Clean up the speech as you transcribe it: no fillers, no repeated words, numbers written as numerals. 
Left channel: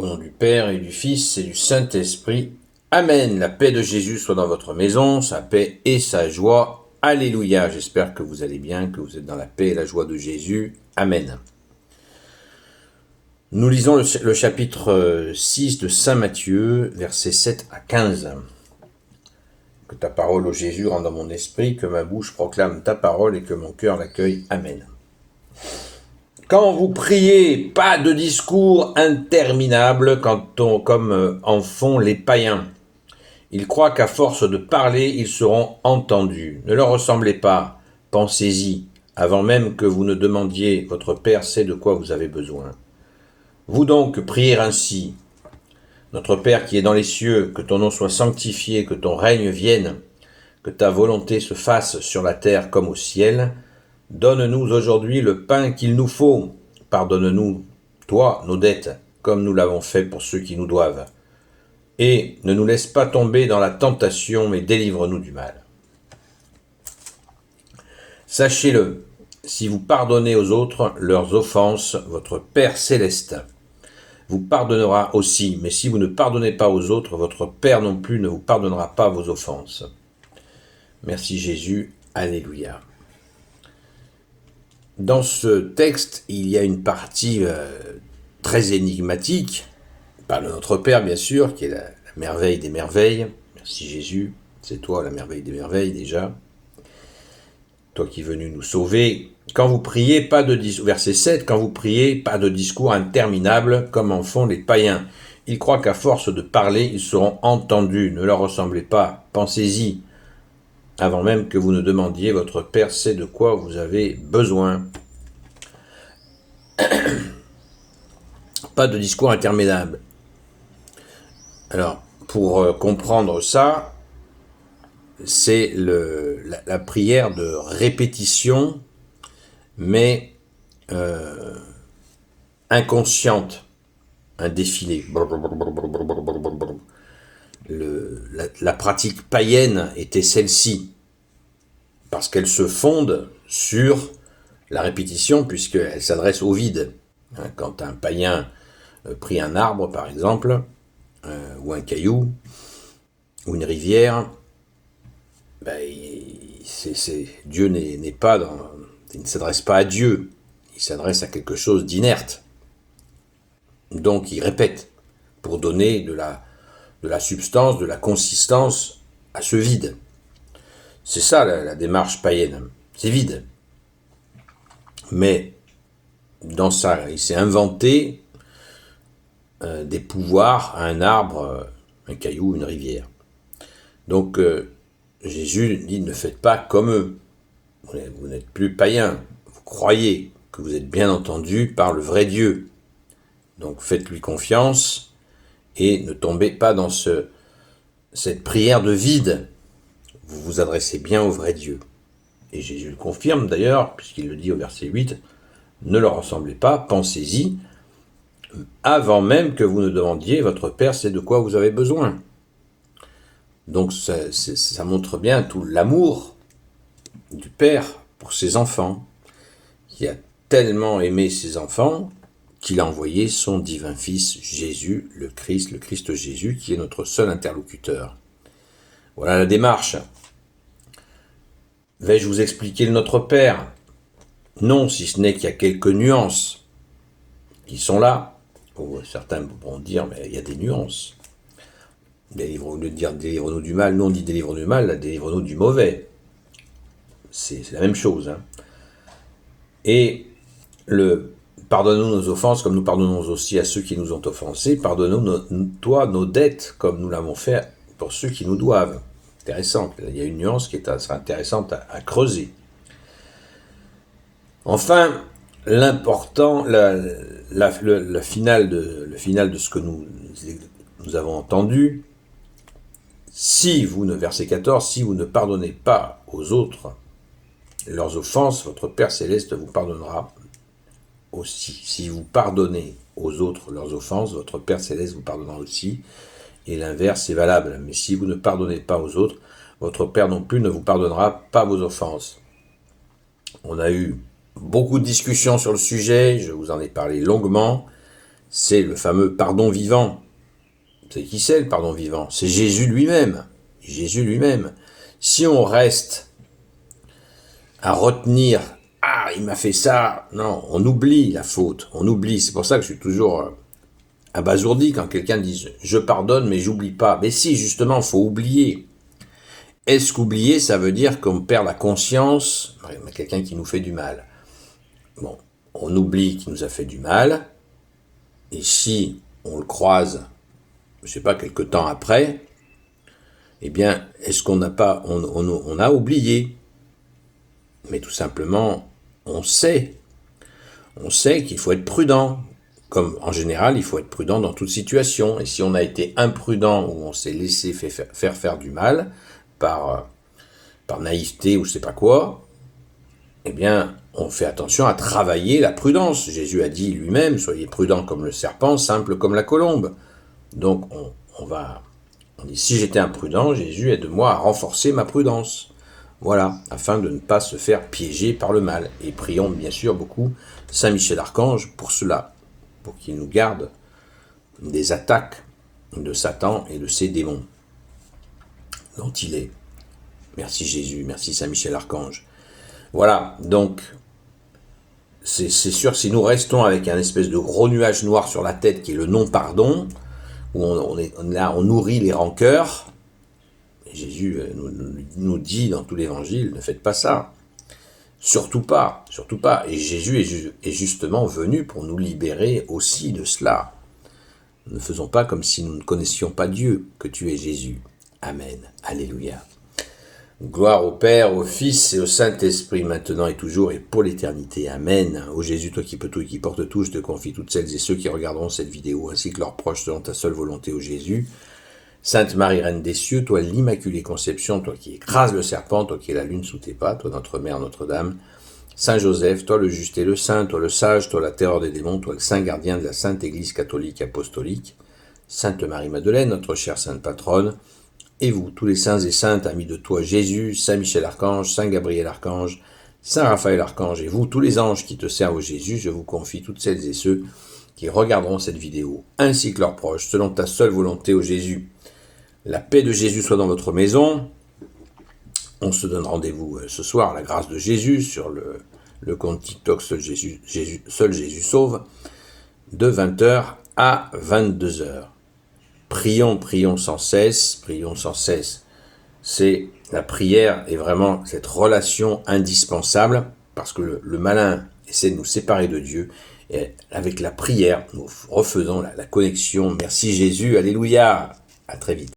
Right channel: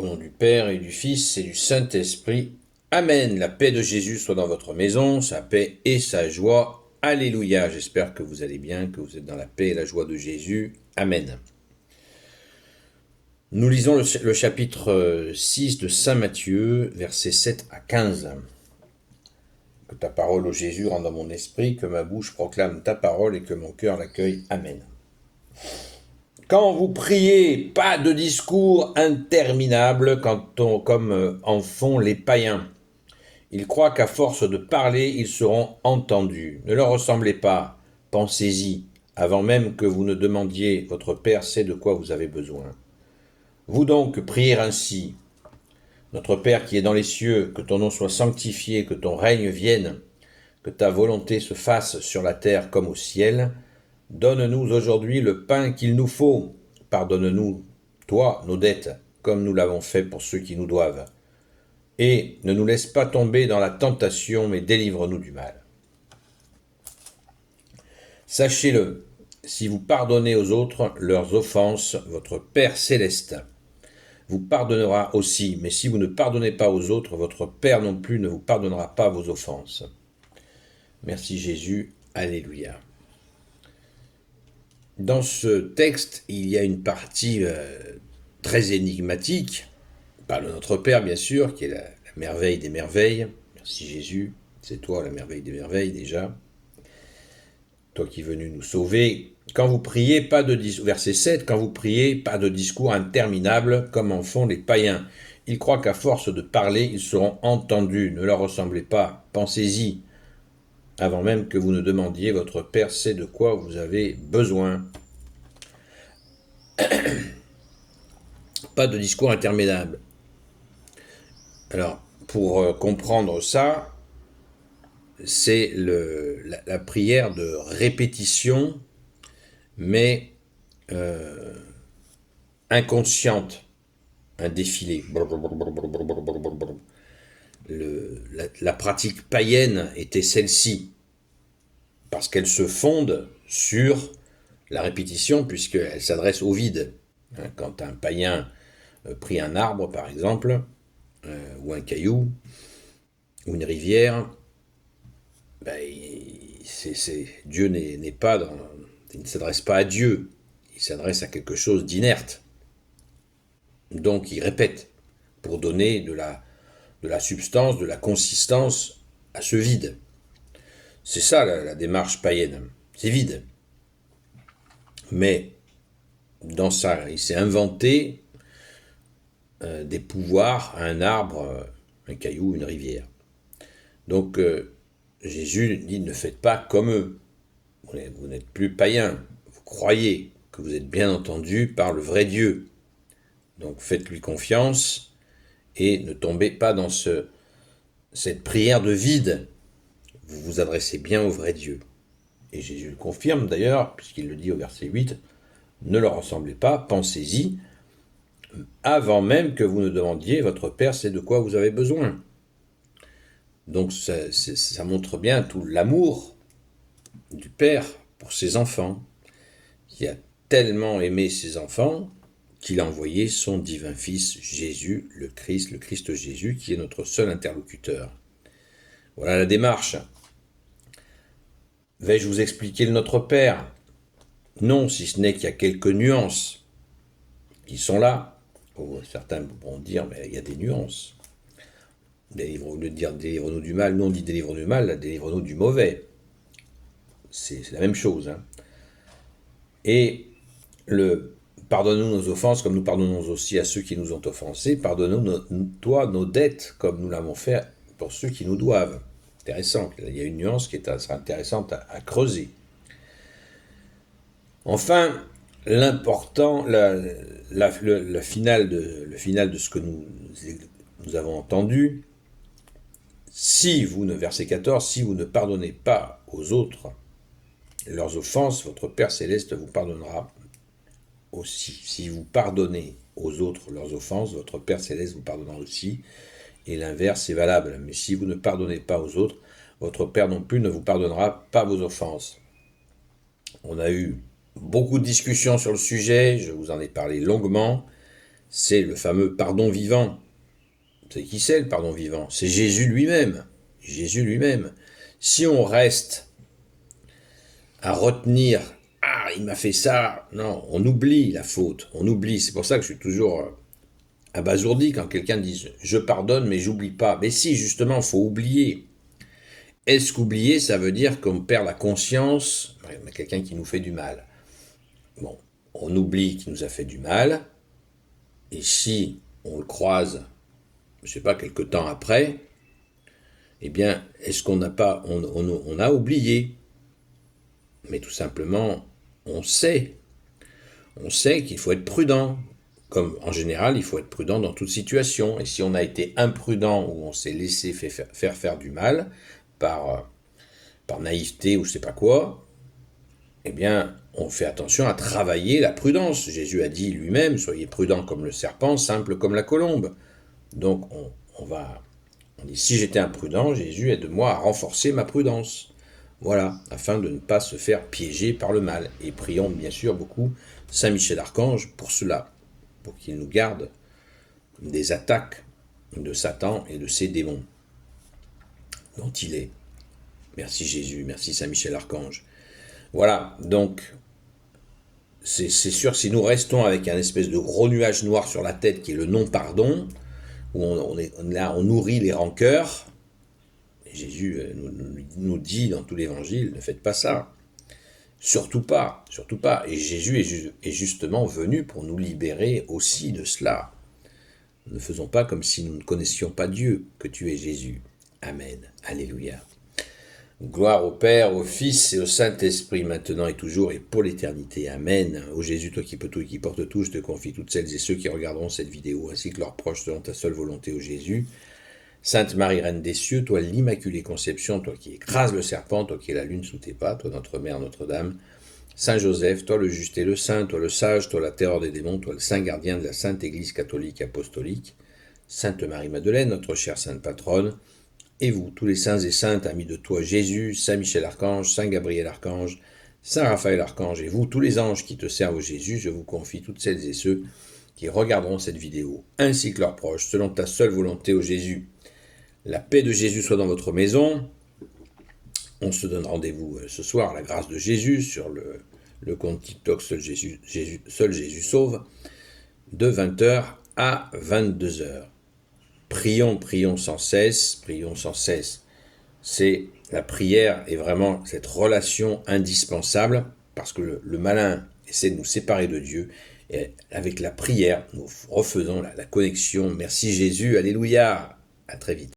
Au nom du Père et du Fils et du Saint-Esprit. Amen. La paix de Jésus soit dans votre maison, sa paix et sa joie. Alléluia. J'espère que vous allez bien, que vous êtes dans la paix et la joie de Jésus. Amen. Nous lisons le chapitre 6 de Saint Matthieu, versets 7 à 15. Que ta parole, ô Jésus, rende dans mon esprit, que ma bouche proclame ta parole et que mon cœur l'accueille. Amen. Quand vous priez, pas de discours interminable comme en font les païens. Ils croient qu'à force de parler, ils seront entendus. Ne leur ressemblez pas, pensez-y, avant même que vous ne demandiez, votre Père sait de quoi vous avez besoin. Vous donc priez ainsi. Notre Père qui est dans les cieux, que ton nom soit sanctifié, que ton règne vienne, que ta volonté se fasse sur la terre comme au ciel. Donne-nous aujourd'hui le pain qu'il nous faut. Pardonne-nous, toi, nos dettes, comme nous l'avons fait pour ceux qui nous doivent. Et ne nous laisse pas tomber dans la tentation, mais délivre-nous du mal. Sachez-le, si vous pardonnez aux autres leurs offenses, votre Père céleste vous pardonnera aussi. Mais si vous ne pardonnez pas aux autres, votre Père non plus ne vous pardonnera pas vos offenses. Merci Jésus. Alléluia. Dans ce texte, il y a une partie très énigmatique. Il parle de notre Père, bien sûr, qui est la merveille des merveilles. Merci Jésus, c'est toi la merveille des merveilles déjà. Toi qui es venu nous sauver. Quand vous priez, verset 7, quand vous priez, pas de discours interminable comme en font les païens. Ils croient qu'à force de parler, ils seront entendus. Ne leur ressemblez pas, pensez-y. Avant même que vous ne demandiez, votre Père sait de quoi vous avez besoin. Pas de discours interminable. Alors, pour comprendre ça, c'est la prière de répétition, mais inconsciente, un défilé. La pratique païenne était celle-ci, parce qu'elle se fonde sur la répétition, puisqu'elle s'adresse au vide. Quand un païen prie un arbre, par exemple, ou un caillou, ou une rivière, Dieu n'est pas il ne s'adresse pas à Dieu, il s'adresse à quelque chose d'inerte. Donc il répète, pour donner de la substance, de la consistance à ce vide. C'est ça la démarche païenne, c'est vide. Mais dans ça, il s'est inventé des pouvoirs à un arbre, un caillou, une rivière. Donc Jésus dit, ne faites pas comme eux. Vous n'êtes plus païens, vous croyez que vous êtes bien entendu par le vrai Dieu. Donc faites-lui confiance et ne tombez pas dans cette prière de vide. Vous vous adressez bien au vrai Dieu. Et Jésus le confirme d'ailleurs, puisqu'il le dit au verset 8, ne leur ressemblez pas, pensez-y, avant même que vous ne demandiez, votre Père sait de quoi vous avez besoin. Donc ça montre bien tout l'amour du Père pour ses enfants, qui a tellement aimé ses enfants qu'il a envoyé son divin Fils Jésus, le Christ Jésus, qui est notre seul interlocuteur. Voilà la démarche. Vais-je vous expliquer le Notre Père ? Non, si ce n'est qu'il y a quelques nuances qui sont là. Certains pourront dire, mais il y a des nuances. Délivre-nous du mal, nous on dit délivre-nous du mal, là, délivre-nous du mauvais. C'est la même chose. Hein. Et pardonne-nous nos offenses comme nous pardonnons aussi à ceux qui nous ont offensés. Pardonne-nous, toi, nos dettes comme nous l'avons fait pour ceux qui nous doivent. Intéressant. Il y a une nuance qui sera intéressante à creuser. Enfin, l'important, le final de ce que nous avons entendu, verset 14, si vous ne pardonnez pas aux autres leurs offenses, votre Père céleste vous pardonnera aussi. Si vous pardonnez aux autres leurs offenses, votre Père céleste vous pardonnera aussi. Et l'inverse est valable. Mais si vous ne pardonnez pas aux autres, votre Père non plus ne vous pardonnera pas vos offenses. On a eu beaucoup de discussions sur le sujet, je vous en ai parlé longuement. c'est le fameux pardon vivant. Vous savez qui c'est le pardon vivant? C'est Jésus lui-même. Jésus lui-même. Si on reste à retenir « Ah, il m'a fait ça », non, on oublie la faute, on oublie. C'est pour ça que je suis toujours abasourdi quand quelqu'un dit « Je pardonne, mais j'oublie pas ». Mais si, justement, il faut oublier. Est-ce qu'oublier, ça veut dire qu'on perd la conscience de quelqu'un qui nous fait du mal? Bon, on oublie qu'il nous a fait du mal, et si on le croise, je ne sais pas, quelque temps après, eh bien, est-ce qu'on n'a pas, on a oublié? Mais tout simplement, on sait qu'il faut être prudent. Comme en général, il faut être prudent dans toute situation. Et si on a été imprudent ou on s'est laissé faire du mal par naïveté ou je sais pas quoi, eh bien, on fait attention à travailler la prudence. Jésus a dit lui-même, soyez prudent comme le serpent, simple comme la colombe. Donc, on dit, si j'étais imprudent, Jésus aide-moi à renforcer ma prudence. Voilà, afin de ne pas se faire piéger par le mal. Et prions bien sûr beaucoup Saint Michel Archange pour cela, pour qu'il nous garde des attaques de Satan et de ses démons dont il est. Merci Jésus, merci Saint Michel Archange. Voilà, donc c'est sûr, si nous restons avec un espèce de gros nuage noir sur la tête qui est le non-pardon, où on nourrit les rancœurs, et Jésus nous dit dans tout l'évangile, ne faites pas ça. Surtout pas, surtout pas. Et Jésus est justement venu pour nous libérer aussi de cela. Ne faisons pas comme si nous ne connaissions pas Dieu, que tu es Jésus. Amen. Alléluia. Gloire au Père, au Fils et au Saint-Esprit, maintenant et toujours et pour l'éternité. Amen. Ô Jésus, toi qui peux tout et qui portes tout, je te confie toutes celles et ceux qui regarderont cette vidéo, ainsi que leurs proches, selon ta seule volonté, ô Jésus. Sainte Marie, Reine des cieux, toi l'Immaculée Conception, toi qui écrases le serpent, toi qui es la lune sous tes pas, toi notre Mère Notre-Dame. Saint Joseph, toi le juste et le saint, toi le sage, toi la terreur des démons, toi le saint gardien de la Sainte Église catholique apostolique. Sainte Marie-Madeleine, notre chère sainte patronne. Et vous, tous les saints et saintes, amis de toi Jésus, Saint Michel Archange, Saint Gabriel Archange, Saint Raphaël Archange, et vous, tous les anges qui te servent au Jésus, je vous confie toutes celles et ceux qui regarderont cette vidéo, ainsi que leurs proches, selon ta seule volonté, ô Jésus. La paix de Jésus soit dans votre maison. On se donne rendez-vous ce soir à la grâce de Jésus sur le compte TikTok Seul Jésus Sauve, de 20h à 22h. Prions sans cesse, prions sans cesse. La prière est vraiment cette relation indispensable parce que le malin essaie de nous séparer de Dieu et avec la prière, nous refaisons la connexion. Merci Jésus, alléluia, à très vite.